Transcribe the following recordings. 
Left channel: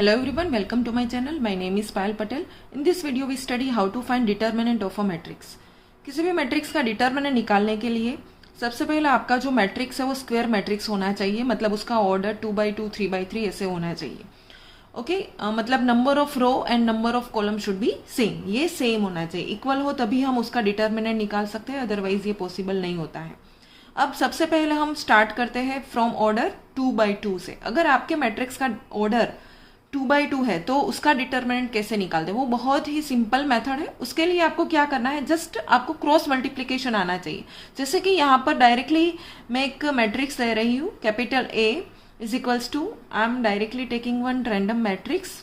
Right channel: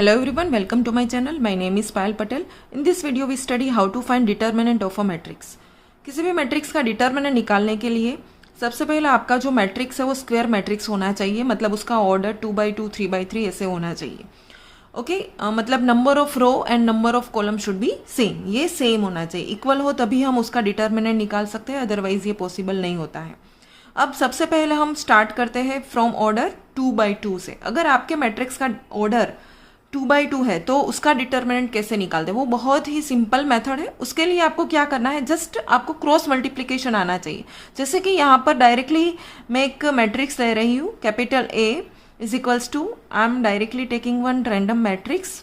Hello everyone, welcome to my channel. My name is Payal Patel. In this video we study how to find determinant of a matrix. किसी भी matrix का determinant निकालने के लिए सबसे पहले आपका जो मैट्रिक्स है वो स्क्वायर मैट्रिक्स होना चाहिए, मतलब उसका ऑर्डर 2x2 3x3 ऐसे होना चाहिए. ओके मतलब number of row and number of column should be same, ये सेम होना चाहिए, इक्वल हो तभी हम उसका डिटर्मिनेंट निकाल सकते हैं, अदरवाइज ये पॉसिबल नहीं होता है. अब सबसे पहले हम स्टार्ट करते हैं फ्रॉम ऑर्डर 2x2 से. अगर आपके मैट्रिक्स का ऑर्डर 2x2 है तो उसका डिटर्मिनेंट कैसे निकालते हैं, वो बहुत ही सिंपल मेथड है. उसके लिए आपको क्या करना है, जस्ट आपको क्रॉस मल्टीप्लीकेशन आना चाहिए. जैसे कि यहाँ पर डायरेक्टली मैं एक मैट्रिक्स ले रही हूँ, capital A is equals to, I am directly taking one random matrix.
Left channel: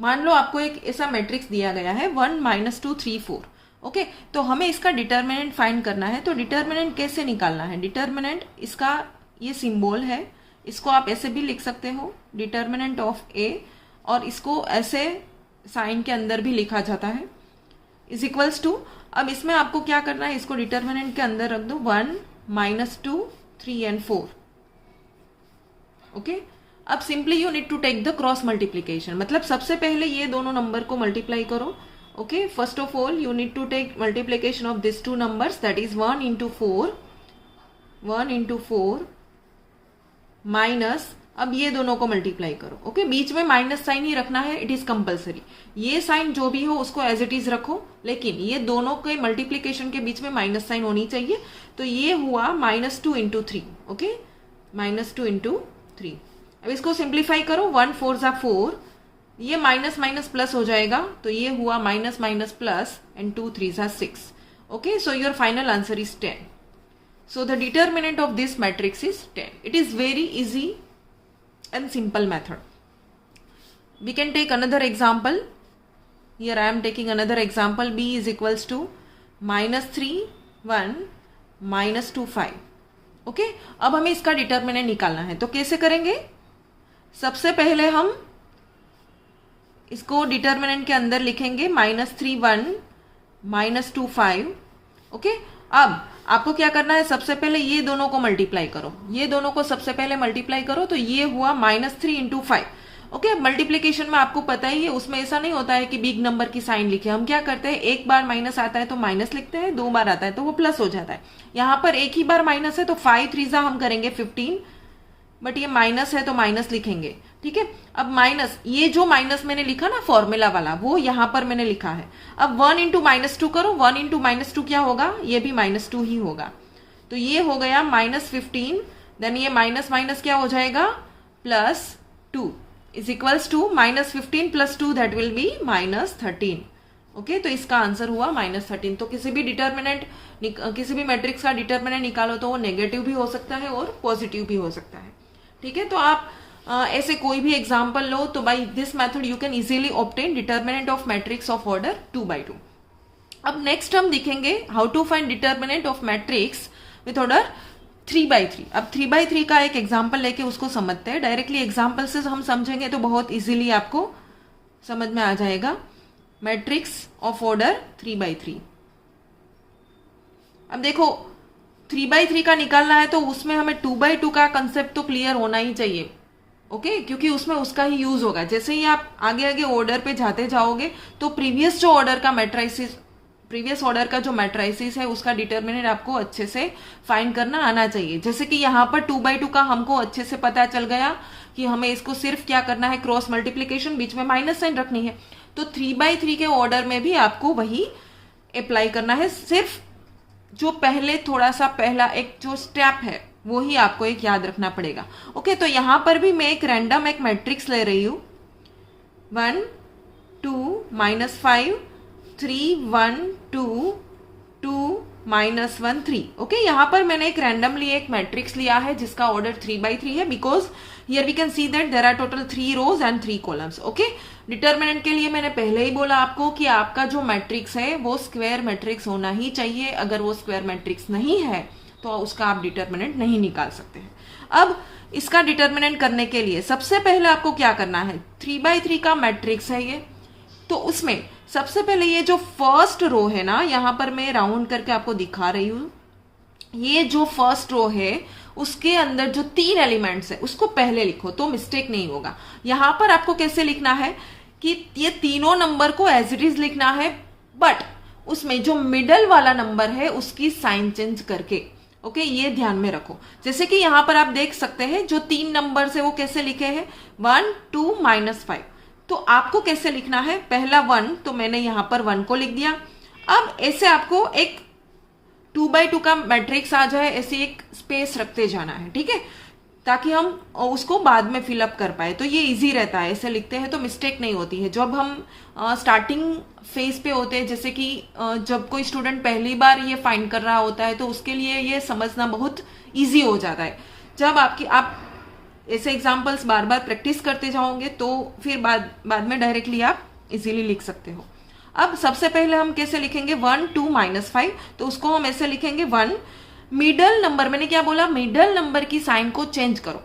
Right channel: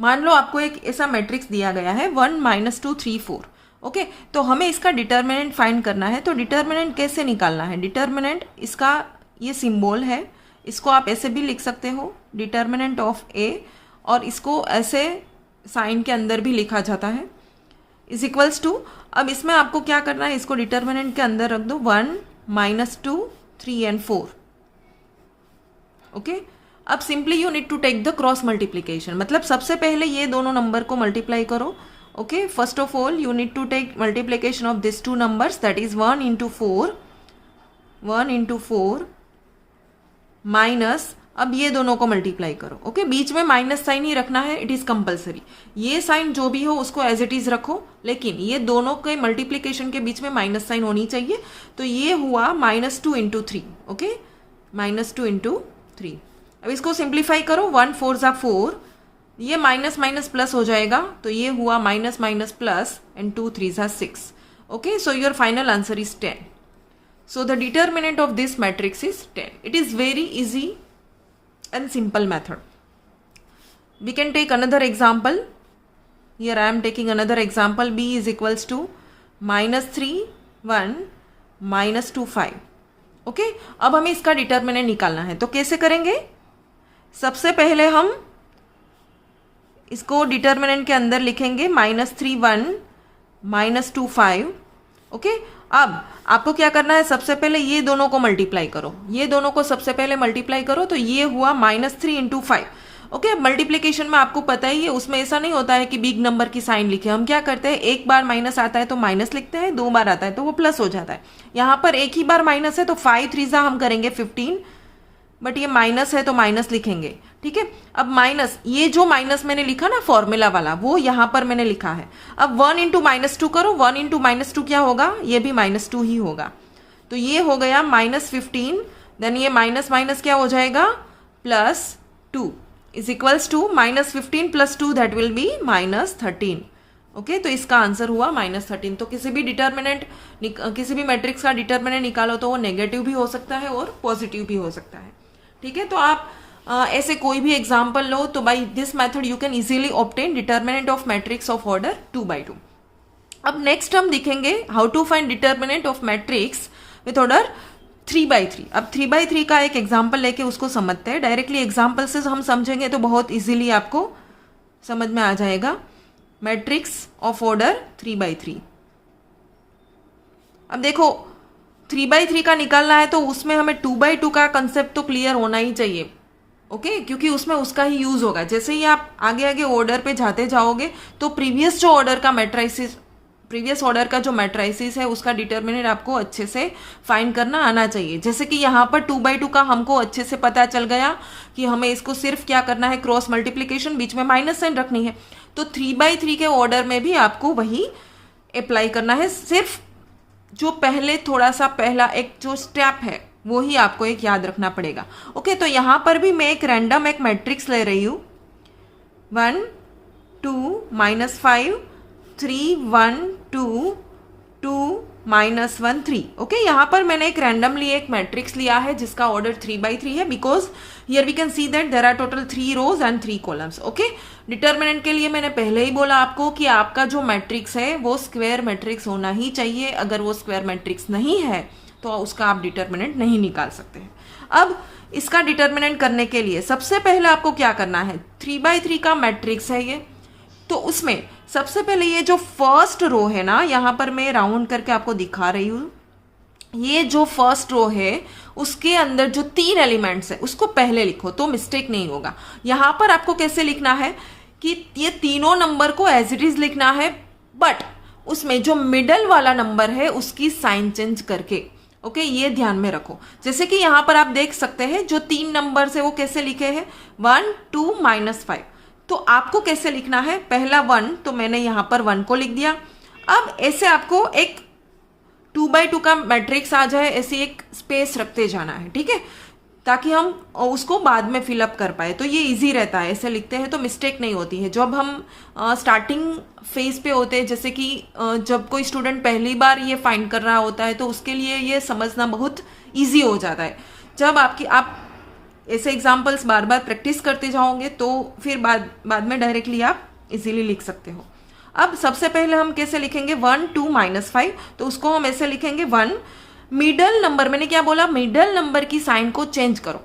मान लो आपको एक ऐसा मैट्रिक्स दिया गया है 1 -2 3 4. ओके तो हमें इसका डिटर्मिनेंट फाइंड करना है. तो डिटर्मिनेंट कैसे निकालना है, डिटर्मिनेंट इसका ये सिंबल है, इसको आप ऐसे भी लिख सकते हो, डिटर्मिनेंट ऑफ A, और इसको ऐसे साइन के अंदर भी लिखा जाता है, इज इक्वल्स टू. अब इसमें आपको क्या करना है, इसको डिटर्मिनेंट के अंदर रख दो 1 -2 3 एंड 4. ओके अब simply you need to take the cross multiplication, मतलब सबसे पहले ये दोनों नंबर को मल्टीप्लाई करो. Okay first of all you need to take multiplication of this two numbers, that is 1 into 4 minus, अब ये दोनों को मल्टीप्लाई करो. ओके बीच में माइनस साइन ही रखना है, इट इज कंपलसरी. ये साइन जो भी हो उसको एज इट इज रखो, लेकिन ये दोनों के मल्टीप्लीकेशन के बीच में माइनस साइन होनी चाहिए. तो ये हुआ -2 into 3. Okay -2 into 3. अब इसको सिंप्लीफाई करो, 1 4 = 4, ये माइनस माइनस प्लस हो जाएगा, तो ये हुआ minus minus plus and 2 3 = 6. Okay so your final answer is 10. So the determinant of this matrix is 10. It is very easy and simple method. We can take another example. Here I am taking another example. B is equals to -3 1 -2 5. Okay? अब हमें इसका determinant निकालना है, तो कैसे करेंगे. सबसे पहले हम इसको डिटर्मिनेंट के अंदर लिखेंगे -3 1 -2 5. ओके अब आपको क्या करना है, सबसे पहले ये दोनों को मल्टीप्लाई करो, ये दोनों को सबसे पहले मल्टीप्लाई करो, तो ये हुआ -3 into 5. ओके मल्टीप्लीकेशन में आपको पता ही है, उसमें ऐसा नहीं होता है कि बिग नंबर की साइन लिखे. हम क्या करते हैं, एक बार माइनस आता है तो माइनस लिखते हैं, 2 बार आता है तो वो प्लस हो जाता है. यहाँ पर एक ही बार माइनस है तो 5 3 हम करेंगे 15, बट ये माइनस है तो माइनस लिखेंगे. ठीक है अब माइनस, ये जो माइनस मैंने लिखा ना फॉर्मूला वाला, वो यहां पर मैंने लिखा है. अब 1 into -2 करो, 1 into -2 क्या होगा, ये भी -2 ही होगा. तो ये हो गया -15, देन ये माइनस माइनस क्या हो जाएगा, +2 is equals to -15 + 2 that will be -13. Okay तो इसका आंसर हुआ -13. तो किसी भी डिटर्मिनेंट, किसी भी मैट्रिक्स का डिटर्मिनेंट निकालो तो वो नेगेटिव भी हो सकता है और पॉजिटिव भी हो सकता है. ठीक है तो आप ऐसे कोई भी एग्जाम्पल लो, तो by this method you can easily obtain determinant of matrix of order 2x2. अब नेक्स्ट हम दिखेंगे how to find determinant of matrix with order 3x3. अब 3x3 का एक एग्जाम्पल लेके उसको समझते हैं. डायरेक्टली एग्जाम्पल से हम समझेंगे तो बहुत इजीली आपको समझ में आ जाएगा. Matrix of order 3x3. अब देखो 3x3 का निकालना है तो उसमें हमें 2x2 का कंसेप्ट तो क्लियर होना ही चाहिए. ओके क्योंकि उसमें उसका ही यूज होगा. जैसे ही आप आगे आगे ऑर्डर पे जाते जाओगे तो प्रीवियस ऑर्डर का जो मैट्राइसिस है उसका डिटर्मिनेंट आपको अच्छे से फाइंड करना आना चाहिए. जैसे कि यहाँ पर 2x2 का हमको अच्छे से पता चल गया कि हमें इसको सिर्फ क्या करना है, क्रॉस मल्टीप्लीकेशन, बीच में माइनस साइन रखनी है. तो 3x3 के ऑर्डर में भी आपको वही अप्लाई करना है. सिर्फ जो पहले थोड़ा सा पहला एक जो स्टेप है वो ही आपको एक याद रखना पड़ेगा. ओके तो यहां पर भी मैं एक रैंडम एक मैट्रिक्स ले रही हूं, 1 2 -5 3 1 2 2 -1 3. ओके यहां पर मैंने एक रैंडमली एक मैट्रिक्स लिया है जिसका ऑर्डर 3x3 है, because here we can see that there are total 3 rows and 3 columns. Okay determinant के लिए मैंने पहले ही बोला आपको कि आपका जो मैट्रिक्स है वो स्क्वायर मैट्रिक्स होना ही चाहिए. अगर वो स्क्वायर मैट्रिक्स नहीं है तो उसका आप डिटर्मिनेंट नहीं निकाल सकते हैं. अब इसका डिटर्मिनेंट करने के लिए सबसे पहले आपको क्या करना है, 3x3 का मैट्रिक्स है ये, तो उसमें सबसे पहले ये जो फर्स्ट रो है ना, यहां पर मैं राउंड करके आपको दिखा रही हूं, ये जो फर्स्ट रो है उसके अंदर जो 3 एलिमेंट्स है उसको पहले लिखो तो मिस्टेक नहीं होगा। यहां पर आपको कैसे लिखना है कि ये तीनों नंबर को एज इट इज लिखना है, बट उसमें जो मिडल वाला नंबर है उसकी साइन चेंज करके। ओके, ये ध्यान में रखो। जैसे कि यहां पर आप देख सकते हैं जो 3 नंबर है वो कैसे लिखे हैं, 1 2 -5। तो आपको कैसे लिखना है, पहला 1 तो मैंने यहां पर 1 को लिख दिया। अब ऐसे आपको एक 2x2 का मैट्रिक्स आ जाए, ऐसी एक स्पेस रखते जाना है, ठीक है, ताकि हम उसको बाद में फिलअप कर पाए। तो ये इजी रहता है, ऐसे लिखते हैं तो मिस्टेक नहीं होती है। जब हम स्टार्टिंग फेज पे होते हैं, जैसे कि जब कोई स्टूडेंट पहली बार ये फाइंड कर रहा होता है तो उसके लिए ये समझना बहुत इजी हो जाता है। जब आप ऐसे एग्जाम्पल्स बार बार प्रैक्टिस करते जाओगे तो फिर बाद में डायरेक्टली आप इजीली लिख सकते हो। अब सबसे पहले हम कैसे लिखेंगे, 1 2 -5, तो उसको हम ऐसे लिखेंगे 1, मिडल नंबर, मैंने क्या बोला, मिडल नंबर की साइन को चेंज करो।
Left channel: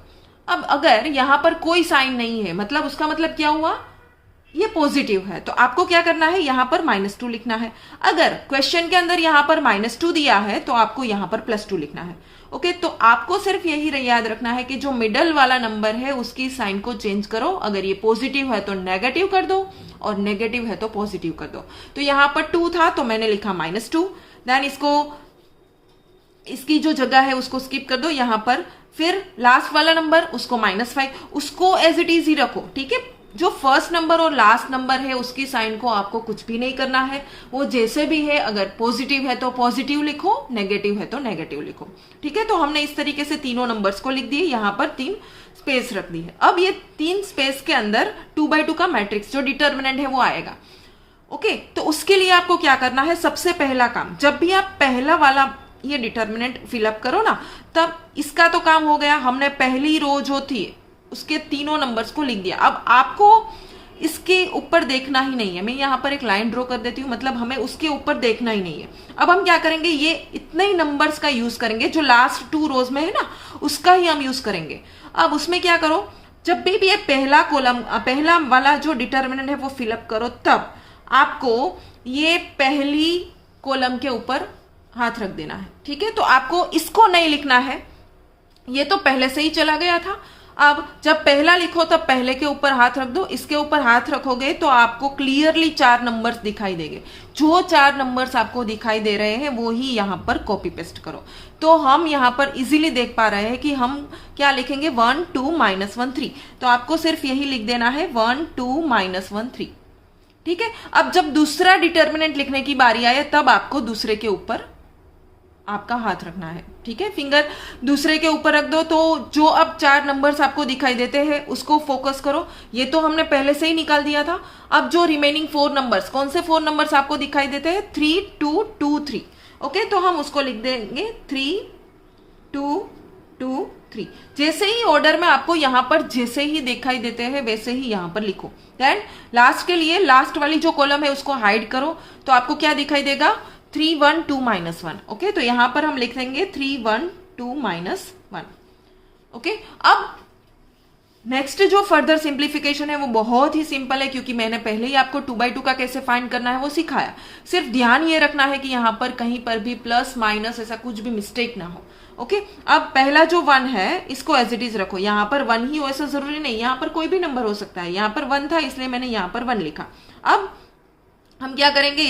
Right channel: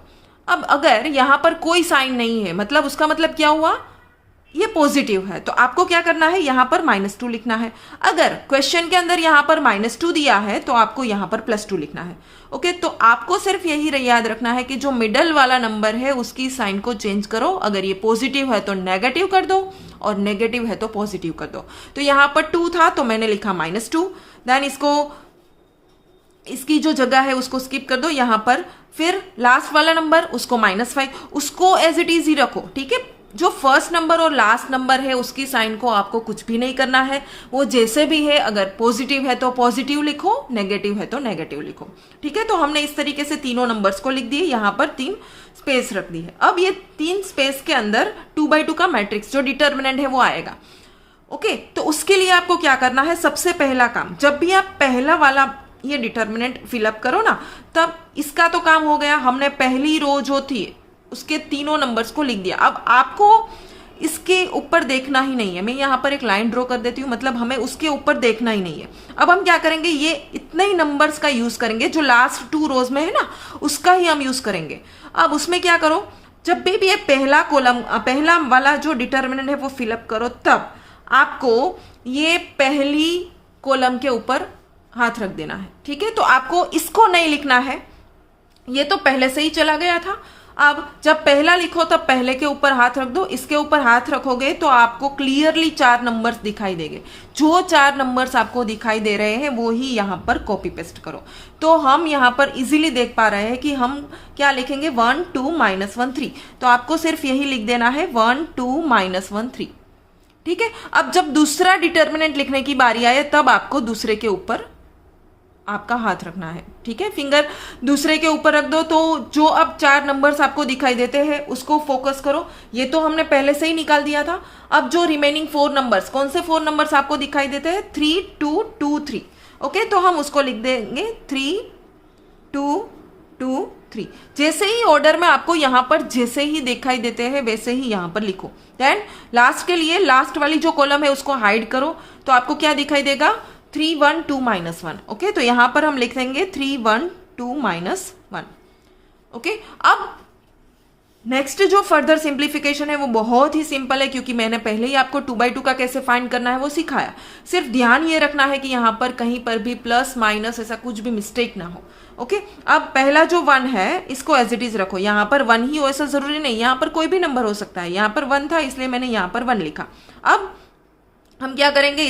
अब अगर यहां पर कोई साइन नहीं है, मतलब उसका मतलब क्या हुआ, ये पॉजिटिव है, तो आपको क्या करना है, यहां पर -2 लिखना है। अगर क्वेश्चन के अंदर यहां पर -2 दिया है तो आपको यहां पर +2 लिखना है। ओके, तो आपको सिर्फ यही याद रखना है कि जो मिडल वाला नंबर है उसकी साइन को चेंज करो। अगर ये पॉजिटिव है तो नेगेटिव कर दो और नेगेटिव है तो पॉजिटिव कर दो। तो यहां पर 2 था तो मैंने लिखा -2, देन इसकी जो जगह है उसको स्किप कर दो यहां पर। फिर लास्ट वाला नंबर उसको -5, उसको एज इट इज ही रखो, ठीक है। जो फर्स्ट नंबर और लास्ट नंबर है उसकी साइन को आपको कुछ भी नहीं करना है, वो जैसे भी है, अगर पॉजिटिव है तो पॉजिटिव लिखो, नेगेटिव है तो नेगेटिव लिखो, ठीक है। तो हमने इस तरीके से तीनों नंबर्स को लिख दिए, यहां पर 3 स्पेस रख दी है। अब ये 3 स्पेस के अंदर 2x2 का मैट्रिक्स जो डिटर्मिनेंट है वो आएगा। ओके, तो उसके लिए आपको क्या करना है, सबसे पहला काम, जब भी आप पहला वाला ये डिटर्मिनेंट फिलअप करो ना, तब इसका तो काम हो गया, हमने पहली रो जो थी उसके तीनों नंबर्स को लिख दिया। अब आपको इसके ऊपर देखना ही नहीं है, मैं यहां पर एक लाइन ड्रॉ कर देती हूं, मतलब हमें उसके ऊपर देखना ही नहीं है। अब हम क्या करेंगे, ये इतने ही नंबर्स का यूज करेंगे, जो लास्ट 2 रोज में है ना उसका ही हम यूज करेंगे। अब उसमें क्या करो, जब भी ये पहला वाला जो डिटर्मिनेंट है वो फिलअप करो, तब आपको ये पहली कॉलम के ऊपर हाथ रख देना है, ठीक है। तो आपको इसको नहीं लिखना है, ये तो पहले से ही चला गया था। अब जब पहला लिखो तब पहले के ऊपर हाथ रख दो, इसके ऊपर हाथ रखोगे तो आपको क्लियरली 4 नंबर्स दिखाई देंगे। जो 4 नंबर्स आपको दिखाई दे रहे हैं वो ही यहां पर कॉपी पेस्ट करो। तो हम यहां पर इजीली देख पा रहे हैं कि हम क्या लिखेंगे, 1 2 -1 3। तो आपको सिर्फ यही लिख देना है 1 2 -1 3, ठीक है। अब जब दूसरा डिटर्मिनेंट लिखने की बारी आए तब आपको दूसरे के ऊपर आपका हाथ रखना है, ठीक है। फिंगर दूसरे के ऊपर रख दो। तो जो अब 4 नंबर्स आपको दिखाई देते हैं उसको फोकस करो, ये तो हमने पहले से ही निकाल दिया था। अब जो रिमेनिंग 4 नंबर्स, कौन से 4 नंबर्स आपको दिखाई देते हैं, 3 2 2 3। ओके, तो हम उसको लिख देंगे 3 2 2 3। जैसे ही ऑर्डर में आपको यहां पर जैसे ही दिखाई देते हैं वैसे ही यहां पर लिखो। देन लास्ट के लिए लास्ट वाली जो कॉलम है उसको हाइड करो, तो आपको क्या दिखाई देगा, 3 1 2 -1। ओके, तो यहां पर हम लिख देंगे 3 1 2 -1। ओके, अब नेक्स्ट जो फर्दर सिंप्लीफिकेशन है वो बहुत ही सिंपल है, क्योंकि मैंने पहले ही आपको 2x2 का कैसे फाइंड करना है वो सिखाया। सिर्फ ध्यान ये रखना है कि यहां पर कहीं पर भी प्लस माइनस ऐसा कुछ भी मिस्टेक ना हो। ओके, अब पहला जो 1 है इसको एज इट इज रखो, यहां पर 1 ही हो ऐसा जरूरी नहीं, यहां पर कोई भी नंबर हो सकता है। यहां पर 1 था इसलिए मैंने यहां पर 1 लिखा। अब हम क्या करेंगे,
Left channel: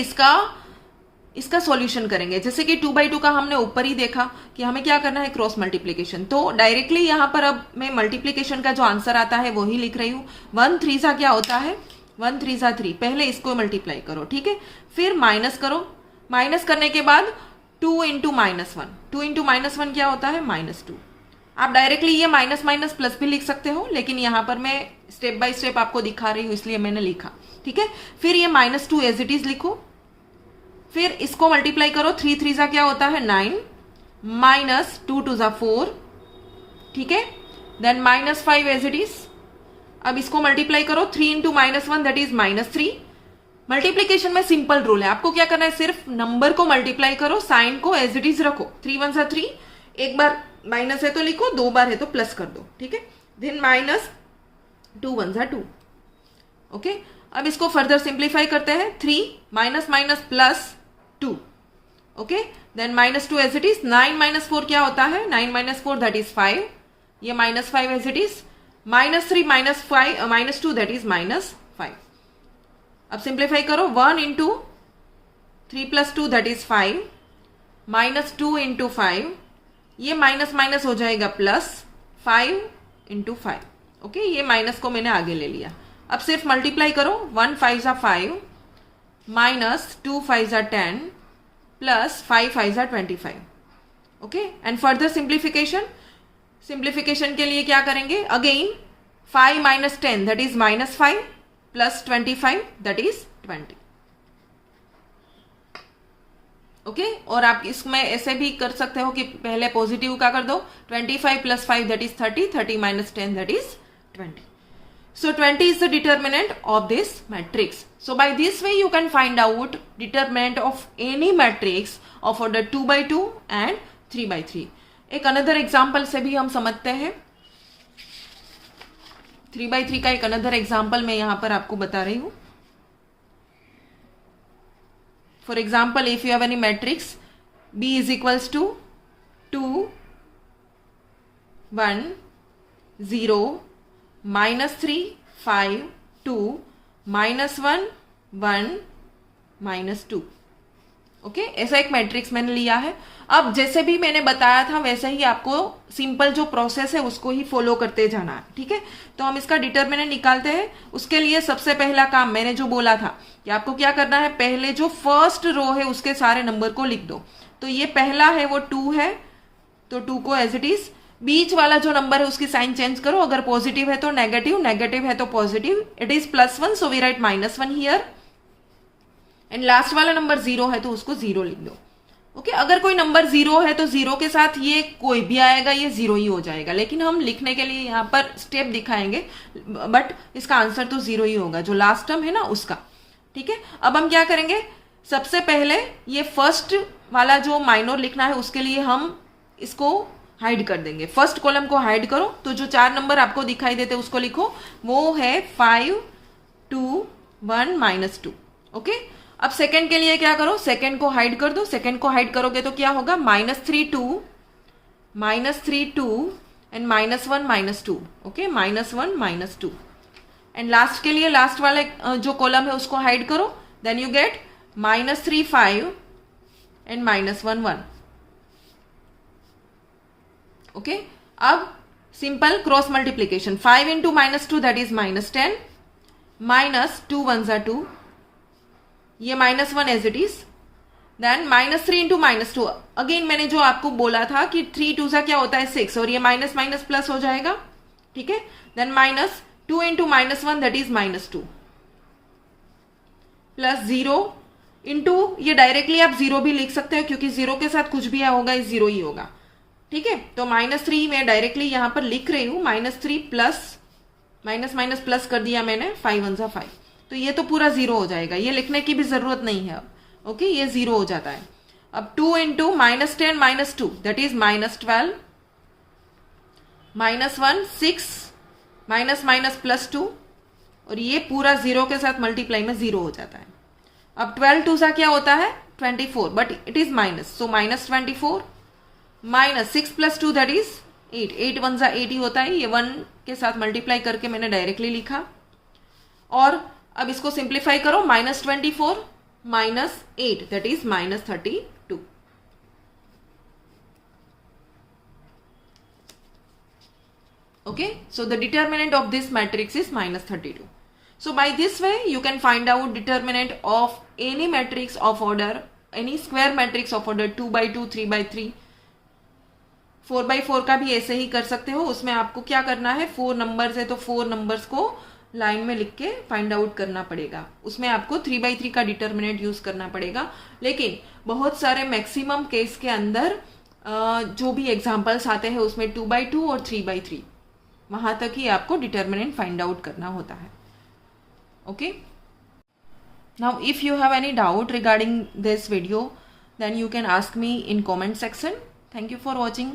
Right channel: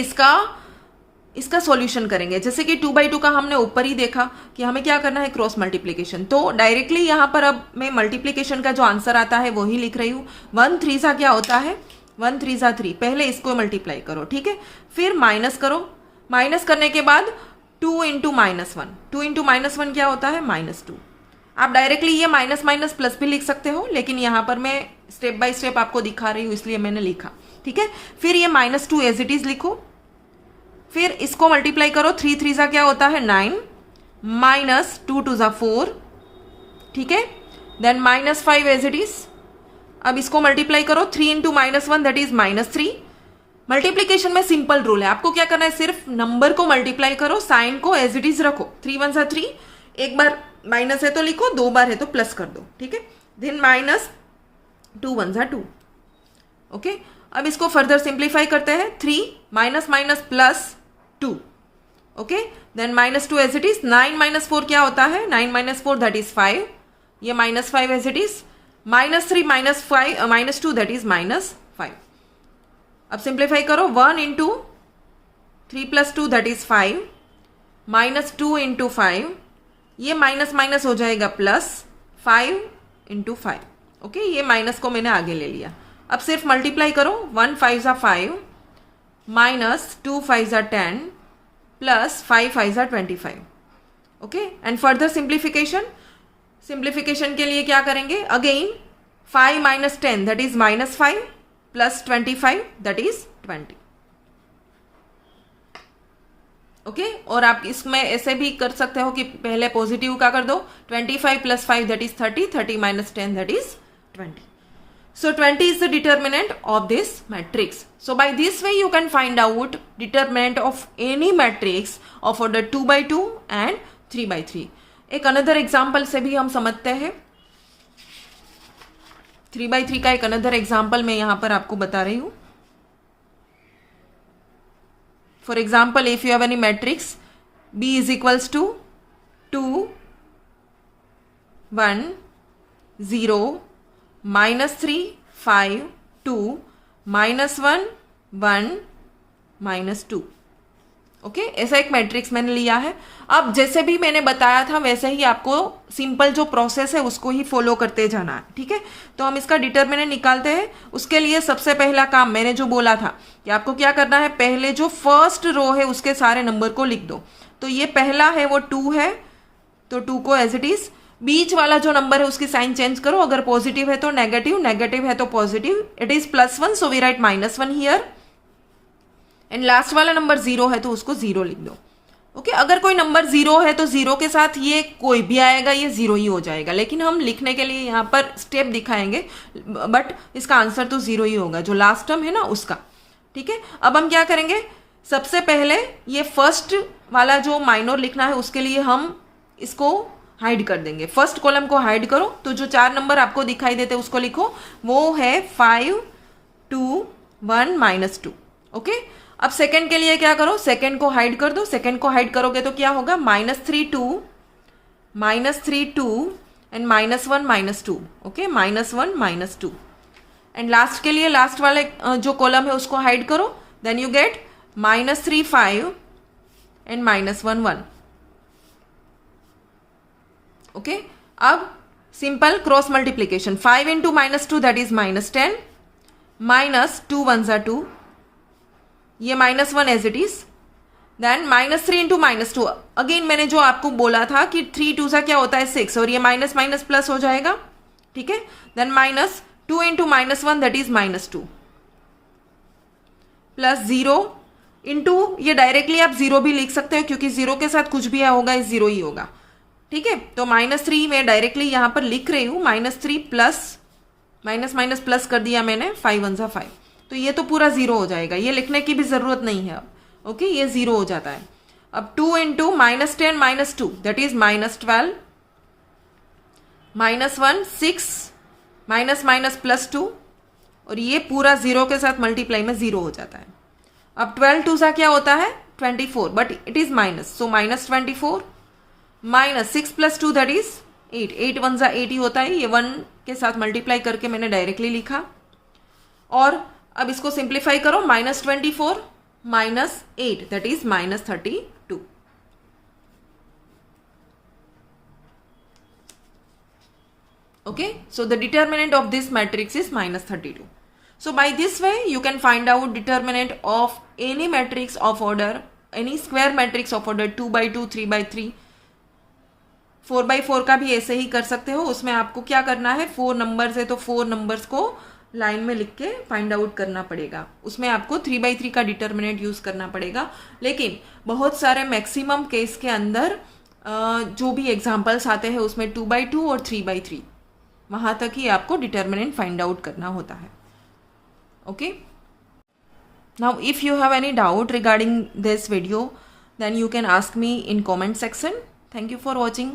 इसका सॉल्यूशन करेंगे। जैसे कि 2x2 का हमने ऊपर ही देखा कि हमें क्या करना है, क्रॉस मल्टीप्लीकेशन। तो डायरेक्टली यहां पर अब मैं मल्टीप्लीकेशन का जो आंसर आता है वो ही लिख रही हूं। 1 3 सा क्या होता है, 1 3 सा 3। पहले इसको मल्टीप्लाई करो, ठीक है, फिर माइनस करो। माइनस करने के बाद 2 × -1, 2 × -1 क्या होता है, -2। आप डायरेक्टली ये माइनस माइनस प्लस भी लिख सकते हो, लेकिन यहां पर मैं स्टेप बाय स्टेप आपको दिखा रही हूं इसलिए मैंने लिखा, ठीक है। फिर ये -2 एज इट इज लिखो, फिर इसको मल्टीप्लाई करो। 3 3 सा क्या होता है, 9, -2 2 सा 4, ठीक है। Then -5 as it is. अब इसको मल्टीप्लाई करो, 3 × -1 दैट इज -3। मल्टीप्लीकेशन में सिंपल रूल है, आपको क्या करना है, सिर्फ नंबर को मल्टीप्लाई करो, साइन को एज इट इज रखो। 3 1 सा 3, एक बार माइनस है तो लिखो, 2 बार है तो प्लस कर दो, ठीक है। देन -2 1 सा 2। ओके, अब इसको फर्दर सिंप्लीफाई करते हैं। 3 minus minus plus 2, okay, then -2 as it is. 9 - 4 क्या होता है? 9 - 4 दैट इज 5, ये -5 as it is. -3 - 2 that is -5। अब सिंप्लीफाई करो, 1 इंटू 3 + 2 दैट इज 5, -2 इंटू 5, ये माइनस माइनस हो जाएगा प्लस, 5 इंटू 5। ओके, ये माइनस को मैंने आगे ले लिया। अब सिर्फ मल्टीप्लाई करो, 1 5 = 5, -2 5 = 10, plus 5 5 = 25। Okay, and further simplification के लिए क्या करेंगे? Again 5 - 10 that is -5, plus 25 that is 20। Okay, और आप इसमें ऐसे भी कर सकते हो कि पहले पॉजिटिव का कर दो, 25 + 5 that is 30, 30 - 10 that is 20. So 20 is the determinant of this matrix. So by this way you can find out determinant of any matrix of order 2 by 2 and 3 by 3. एक अनदर एग्जाम्पल से भी हम समझते हैं। 3 by 3 का एक another example मैं यहां पर आपको बता रही हूं। For example, if you have any matrix B is equals to 2 1 0 -3 5 2 -1 1 -2। Okay, ऐसा एक मैट्रिक्स मैंने लिया है। अब जैसे भी मैंने बताया था वैसे ही आपको सिंपल जो प्रोसेस है उसको ही फॉलो करते जाना है। ठीक है, तो हम इसका डिटरमिनेंट निकालते हैं। उसके लिए सबसे पहला काम मैंने जो बोला था कि आपको क्या करना है, पहले जो फर्स्ट रो है उसके सारे नंबर को लिख दो। तो ये पहला है वो 2 है, तो 2 को एज इट इज। बीच वाला जो नंबर है उसकी साइन चेंज करो, अगर पॉजिटिव है तो नेगेटिव, नेगेटिव है तो positive. It is +1 so we write -1 here. And last वाला नंबर 0 है तो उसको 0 लिख दो। ओके, अगर कोई नंबर 0 है तो 0 के साथ ये कोई भी आएगा, ये 0 ही हो जाएगा। लेकिन हम लिखने के लिए यहाँ पर स्टेप दिखाएंगे, बट इसका आंसर तो 0 ही होगा, जो लास्ट टर्म है ना उसका। ठीक है, अब हम क्या करेंगे, सबसे पहले ये फर्स्ट वाला जो माइनर लिखना है उसके लिए हम इसको हाइड कर देंगे। फर्स्ट कॉलम को हाइड करो, तो जो 4 नंबर आपको दिखाई देते उसको लिखो, वो है 5 2 1 -2। ओके, अब सेकंड के लिए क्या करो, सेकंड को हाइड कर दो। सेकंड को हाइड करोगे तो क्या होगा, -3 2 एंड -1 -2। ओके, -1 -2। एंड लास्ट के लिए लास्ट वाले जो कॉलम है उसको हाइड करो, then you get -3 5 and -1 1। Okay, अब simple cross multiplication, 5 into -2 that is -10, -2 1 = 2, ये -1 as it is. Then -3 into -2, again मैंने जो आपको बोला था कि 3 2 क्या होता है 6, और ये माइनस माइनस प्लस हो जाएगा। ठीक है, then -2 into -1 that is -2, plus 0 into, ये डायरेक्टली आप 0 भी लिख सकते हैं क्योंकि 0 के साथ कुछ भी होगा इस 0 ही होगा। ठीक है, तो -3 मैं डायरेक्टली यहां पर लिख रही हूं, -3 प्लस माइनस माइनस प्लस कर दिया मैंने, 5 1 = 5, तो ये तो पूरा 0 हो जाएगा, ये लिखने की भी जरूरत नहीं है अब। ओके, ये 0 हो जाता है। अब 2 into -10 -2 that is -12, -1 6 minus minus +2, और ये पूरा 0 के साथ मल्टीप्लाई में 0 हो जाता है। अब 12 2 क्या होता है 24, but it is minus, so -24 -6 + 2 that is 8, 8 1 = 8 ही होता है। ये 1 के साथ मल्टीप्लाई करके मैंने डायरेक्टली लिखा। और अब इसको सिंप्लीफाई करो, -24 -8 that is -32। Okay, so the determinant of this matrix is -32. So by this way you can find out determinant of any matrix of order, any square matrix of order 2 by 2, 3 by 3, 4 by 4 का भी ऐसे ही कर सकते हो। उसमें आपको क्या करना है, 4 नंबर्स है तो 4 नंबर्स को लाइन में लिख के फाइंड आउट करना पड़ेगा। उसमें आपको 3 by 3 का डिटर्मिनेंट यूज करना पड़ेगा। लेकिन बहुत सारे मैक्सिमम केस के अंदर जो भी एग्जाम्पल्स आते हैं उसमें 2 by 2 और 3 by 3 वहां तक ही आपको डिटर्मिनेंट फाइंड आउट करना होता है। Okay, now if you have any doubt regarding this video then you can ask me in comment section. Thank you for watching.